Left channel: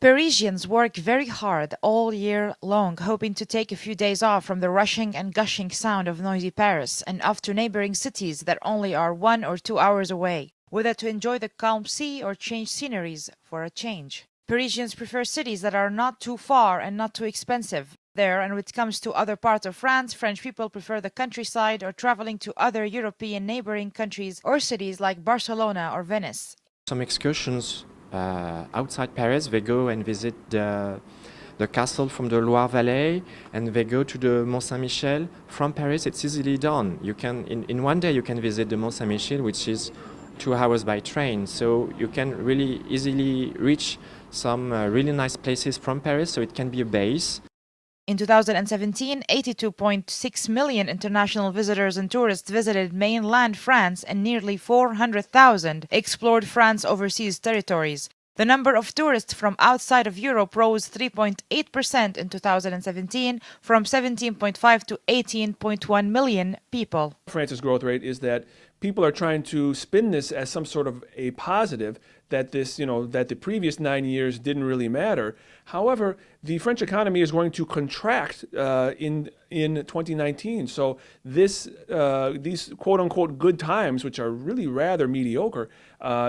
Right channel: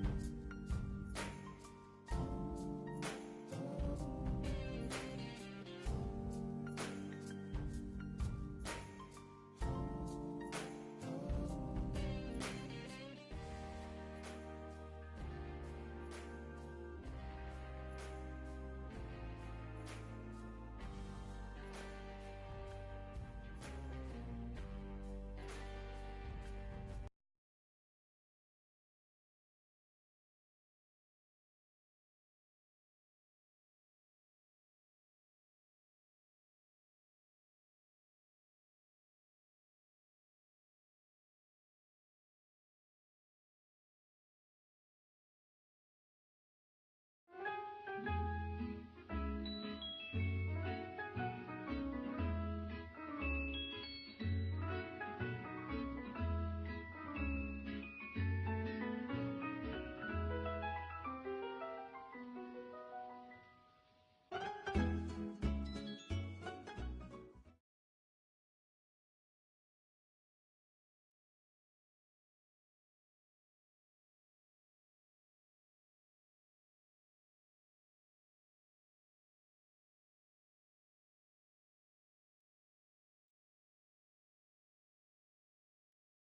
Parisians work very hard all year long, hoping to take a few days off from the rushing and gushing sound of noisy Paris and off to neighboring cities that only are 1 or 2 hours away, whether to enjoy the calm sea or change sceneries for a change. Parisians prefer cities that are not too far and not too expensive. There, and when it comes to other parts of France, French people prefer the countryside or traveling to other European neighboring countries or cities like Barcelona or Venice. Some excursions outside Paris, they go and visit the castle from the Loire Valley, and they go to the Mont Saint-Michel. From Paris, it's easily done. You can, in one day, you can visit the Mont Saint-Michel, which is 2 hours by train. So you can really easily reach some really nice places from Paris, so it can be a base. In 2017, 82.6 million international visitors and tourists visited mainland France and nearly 400,000 explored France's overseas territories. The number of tourists from outside of Europe rose 3.8% in 2017 from 17.5 to 18.1 million people. France's growth rate is that people are trying to spin this as some sort of a positive, that that the previous 9 years didn't really matter. However, the French economy is going to contract in 2019. So these quote-unquote good times, which are really rather mediocre,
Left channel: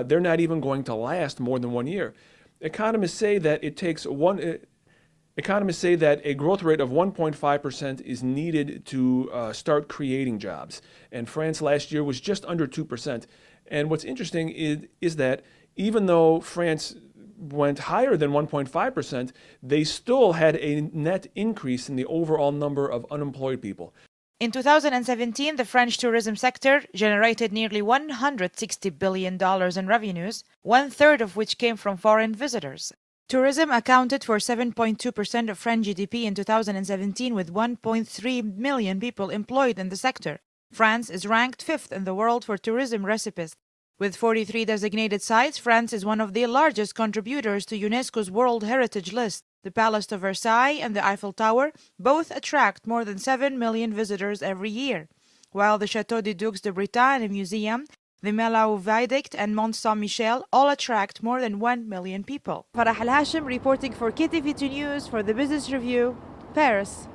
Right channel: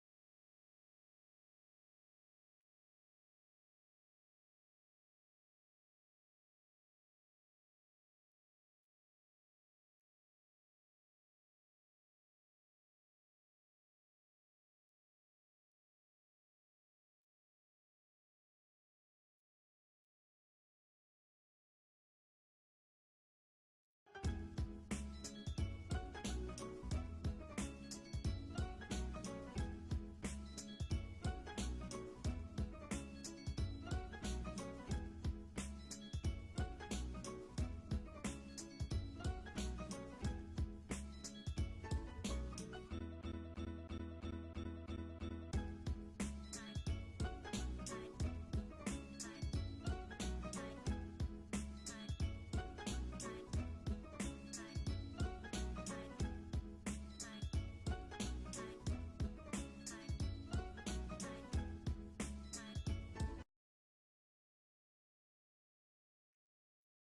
they're not even going to last more than 1 year. Economists say that a growth rate of 1.5% is needed to start creating jobs. And France last year was just under 2%. And what's interesting is that even though France went higher than 1.5%, they still had a net increase in the overall number of unemployed people. In 2017, the French tourism sector generated nearly $160 billion in revenues, 1/3 of which came from foreign visitors. Tourism accounted for 7.2% of French GDP in 2017, with 1.3 million people employed in the sector. France is ranked 5th in the world for tourism recipients. With 43 designated sites, France is one of the largest contributors to UNESCO's World Heritage List. The Palace de Versailles and the Eiffel Tower both attract more than 7 million visitors every year, while the Château des Ducs de Bretagne Museum, the Melau Viaduct and Mont Saint-Michel all attract more than 1 million people. Farah Al-Hashim reporting for KTV2 News for the Business Review, Paris.